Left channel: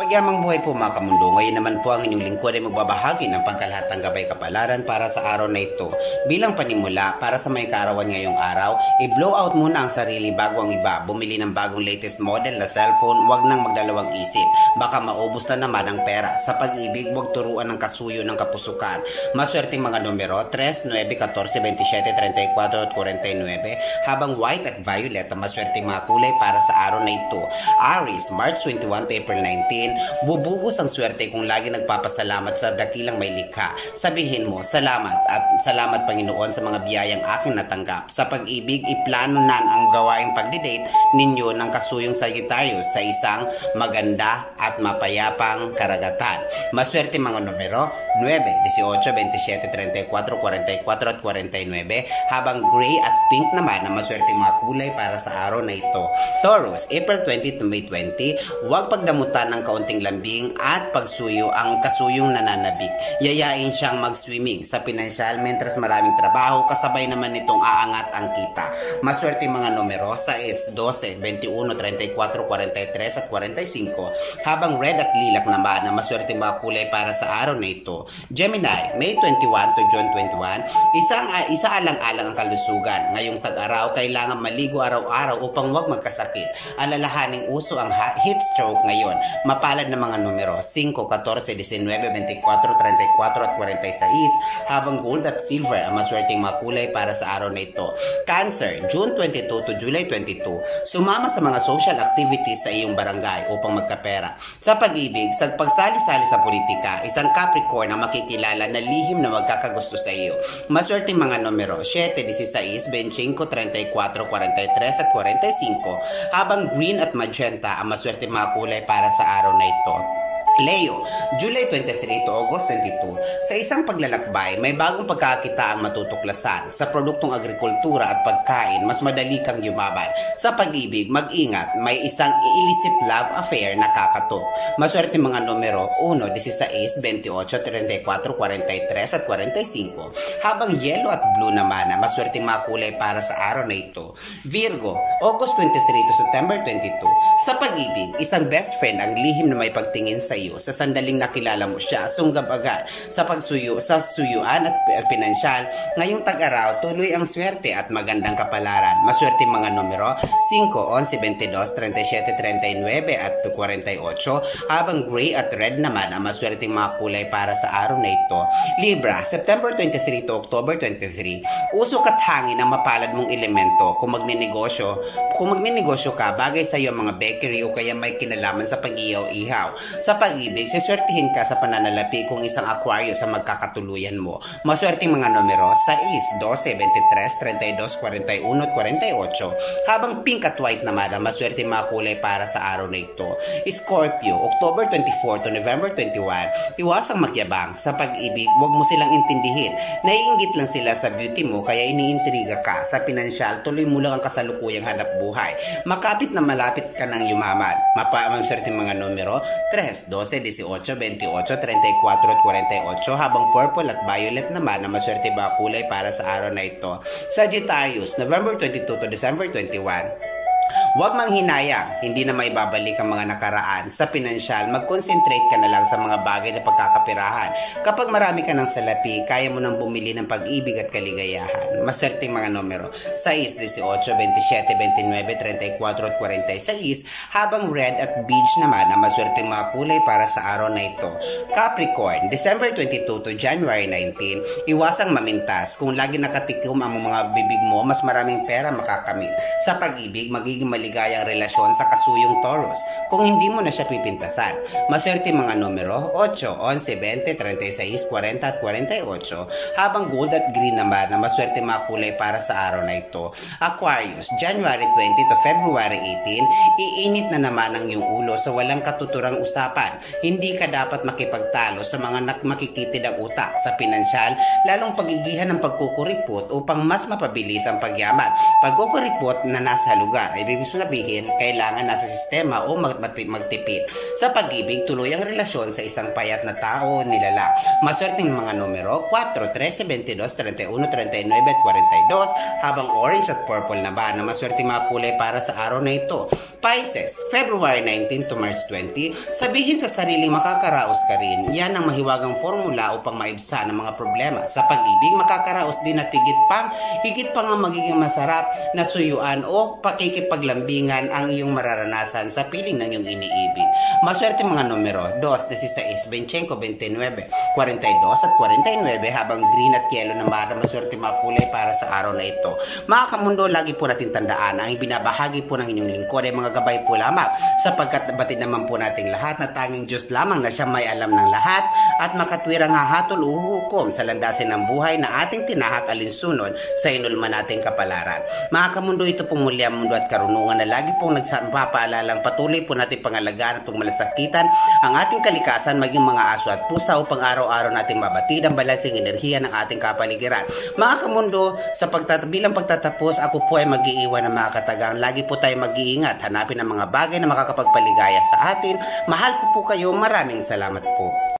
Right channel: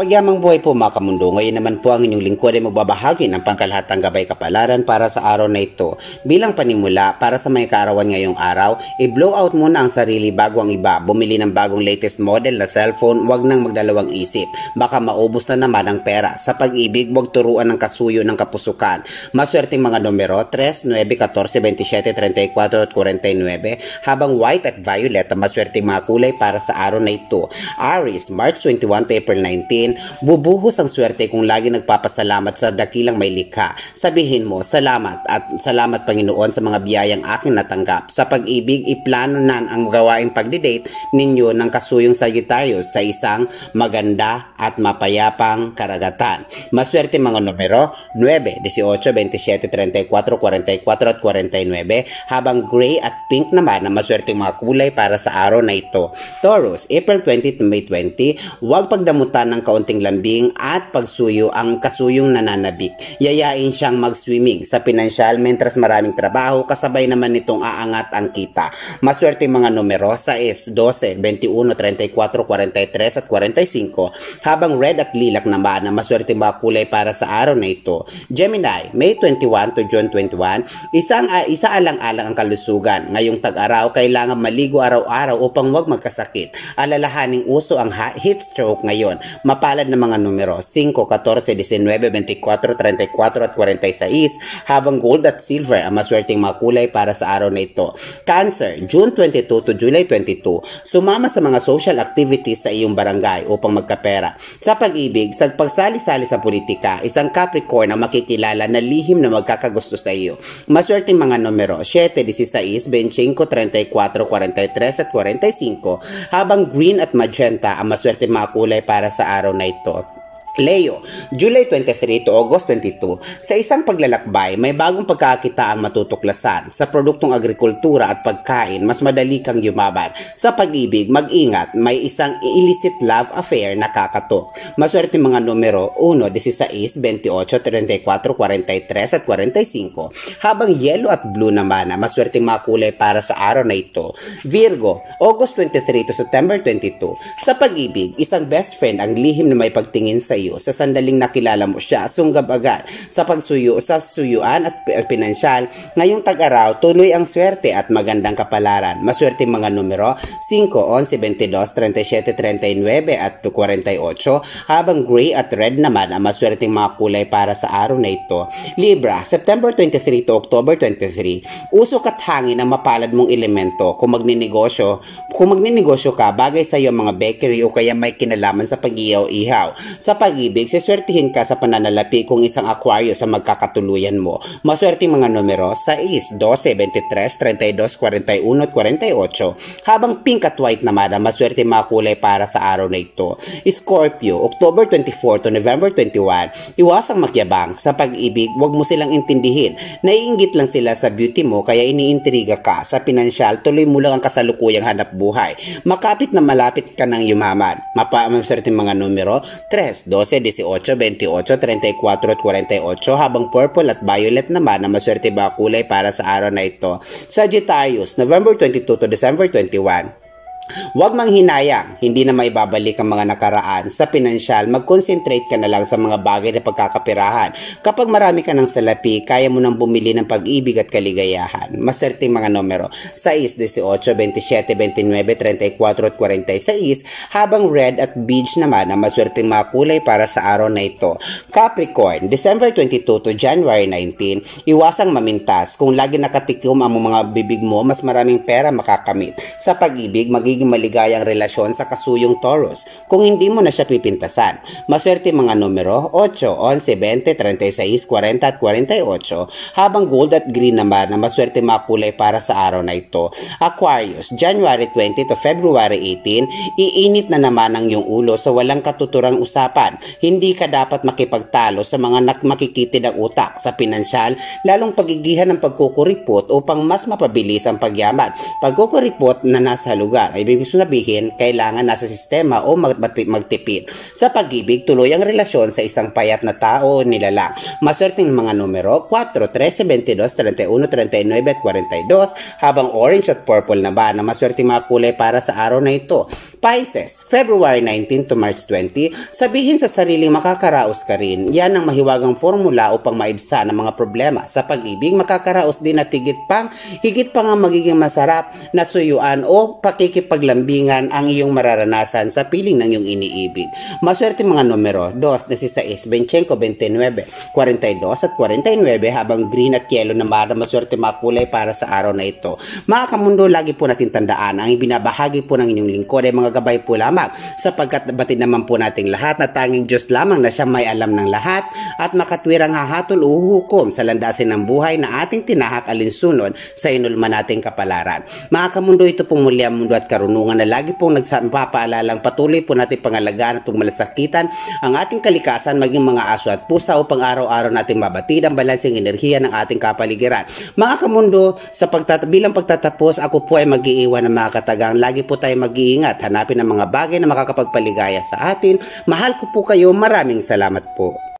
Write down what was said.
Pagyamang buhay po mga kamundo, ngayon naman po ang inyong lingkod ay magbabahagi ng pangkalahatang gabay kapalaran para sa araw na ito. Bilang panimula, para sa may kaarawan ngayong araw, i-blow out muna ang sarili bago ang iba. Bumili ng bagong latest model na cellphone, wag nang magdalawang isip. Baka maubos na naman ang pera. Sa pag-ibig, wag turuan ng kasuyo ng kapusukan. Maswerteng mga numero 3, 9, 14, 27, 34 at 49. Habang white at violet ang maswerteng mga kulay para sa araw na ito. Aries, March 21 to April 19. Bubuhos ang swerte kung lagi nagpapasalamat sa dakilang may likha. Sabihin mo, salamat at salamat Panginoon sa mga biyayang aking natanggap. Sa pag-ibig, iplano na ang gawaing pagdidate ninyo ng kasuyong Sagittarius sa isang maganda at mapayapang karagatan. Maswerte mga numero 9, 18, 27, 34, 44 at 49. Habang gray at pink naman ang maswerte mga kulay para sa araw na ito. Taurus, April 20 to May 20. Huwag pagdamutan ng kaunting lambing at pagsuyo ang kasuyong nananabik. Yayain siyang mag-swimming sa pinansyal mentras maraming trabaho, kasabay naman nitong aangat ang kita. Maswerte mga numero 6, 12, 21, 34, 43 at 45. Habang red at lilac naman ang maswerte mga kulay para sa araw na ito. Gemini, May 21 to June 21. Isa alang-alang ang kalusugan. Ngayong tag-araw, kailangan maligo araw-araw upang huwag magkasakit. Alalahaning uso ang heat stroke ngayon. Mapalad na mga numero 5, 14, 19, 24, 34 at 46. Habang gold at silver ang maswerteng mga kulay para sa araw na ito. Cancer, June 22 to July 22. Sumama sa mga social activities sa iyong barangay upang magkapera. Sa pag-ibig, sa pagsali-sali sa politika, isang Capricorn ang makikilala na lihim na magkakagusto sa iyo. Maswerteng mga numero 7, 16, 25, 34, 43 at 45. Habang green at magenta ang maswerteng mga kulay para sa araw na ito. Leo, July 23 to August 22. Sa isang paglalakbay, may bagong pagkakita ang matutuklasan. Sa produktong agrikultura at pagkain, mas madali kang yumaban. Sa pag-ibig, mag-ingat, may isang illicit love affair na kakatok. Maswerte mga numero 1, 16, 28, 34, 43 at 45. Habang yellow at blue naman, maswerte mga kulay para sa araw na ito. Virgo, August 23 to September 22. Sa pag-ibig, isang best friend ang lihim na may pagtingin sa iyo. Sa sandaling nakilala mo siya, sunggab agad. Sa suyuan at pinansyal, ngayong tag-araw, tuloy ang swerte at magandang kapalaran. Maswerte mga numero 5, 11, 22, 37, 39 at 48. Habang gray at red naman ang maswerteng mga kulay para sa araw na ito. Libra, September 23 to October 23. Usok at hangin ang mapalad mong elemento. Kung magninegosyo ka, bagay sa iyo mga bakery o kaya may kinalaman sa pag-ihaw-ihaw. Sa pag-ibig, siswertihin ka sa pananalapi kung isang Aquarius sa magkakatuluyan mo. Maswerteng mga numero 6, 12, 23, 32, 41 at 48. Habang pink at white naman ang maswerteng mga kulay para sa araw na ito. Scorpio, October 24 to November 21. Iwasang makyabang. Sa pag-ibig, huwag mo silang intindihin. Naiinggit lang sila sa beauty mo kaya iniintriga ka. Sa pinansyal, tuloy mo lang ang kasalukuyang hanap buhay. Makapit na malapit ka ng yumaman. Maswerteng mga numero 3, 12, 18, 28, 34 at 48. Habang purple at violet naman ang maswerte ba kulay para sa araw na ito. Sagittarius, November 22 to December 21. Huwag manghinayang, hindi na maibabalik ang mga nakaraan. Sa pinansyal, mag-concentrate ka na lang sa mga bagay na pagkakapirahan. Kapag marami ka ng salapi, kaya mo nang bumili ng pag-ibig at kaligayahan. Maswerteng mga numero 6, 18, 27, 29, 34 at 46. Habang red at beige naman ang maswerteng mga kulay para sa araw na ito. Capricorn, December 22 to January 19. Iwasang mamintas. Kung lagi nakatikim ang mga bibig mo, mas maraming pera makakamit. Sa pag-ibig, magiging maligayang relasyon sa kasuyong Taurus kung hindi mo na siya pipintasan. Maswerte mga numero 8, 11, 20, 36, 40 at 48. Habang gold at green naman na maswerte mga kulay para sa araw na ito. Aquarius, January 20 to February 18. Iinit na naman ang iyong ulo sa walang katuturang usapan. Hindi ka dapat makipagtalo sa mga makikitid ang utak. Sa pinansyal, lalong pagigihan ng pagkukuripot upang mas mapabilis ang pagyaman. Pagkukuripot na nasa lugar ay ibig sabihin, kailangan nasa sistema o magtipid. Sa pag-ibig, tuloy ang relasyon sa isang payat na tao o nilalang. Maswerteng mga numero, 4, 13, 22, 31, 39 at 42, habang orange at purple na ba na maswerteng mga kulay para sa araw na ito. Pisces, February 19 to March 20, sabihin sa sariling makakaraos ka rin. Yan ang mahiwagang formula upang maibsa ng mga problema. Sa pag-ibig, makakaraos din at higit pa nga magiging masarap na suyuan o pakikipaglambingan ang iyong mararanasan sa piling ng iyong iniibig. Maswerte mga numero, 2, 16, 25, 29, 42 at 49, habang green at yellow na maswerte mga kulay para sa araw na ito. Mga kamundo, lagi po natin tandaan, ang ibinabahagi po ng inyong lingkod ay mga gabay po lamang, sapagkat batid naman po nating lahat na tanging Diyos lamang na siya may alam ng lahat at makatwirang hahatol o hukom sa landasin ng buhay na ating tinahak alinsunod sa inulman nating kapalaran. Mga kamundo, ito pong muli ang mundo at karunungan na lagi pong nagpapaalalang patuloy po natin pangalagaan at malasakitan ang ating kalikasan, maging mga aso at pusa upang araw-araw natin mabatid ang balansing enerhiya ng ating kapaligiran. Mga kamundo, bilang pagtatapos, ako po ay mag-iiwan ng mga katagang. Lagi po tayo mag-iingat, hanapin ang mga bagay na makakapagpaligaya sa atin. Mahal ko po kayo, maraming salamat po.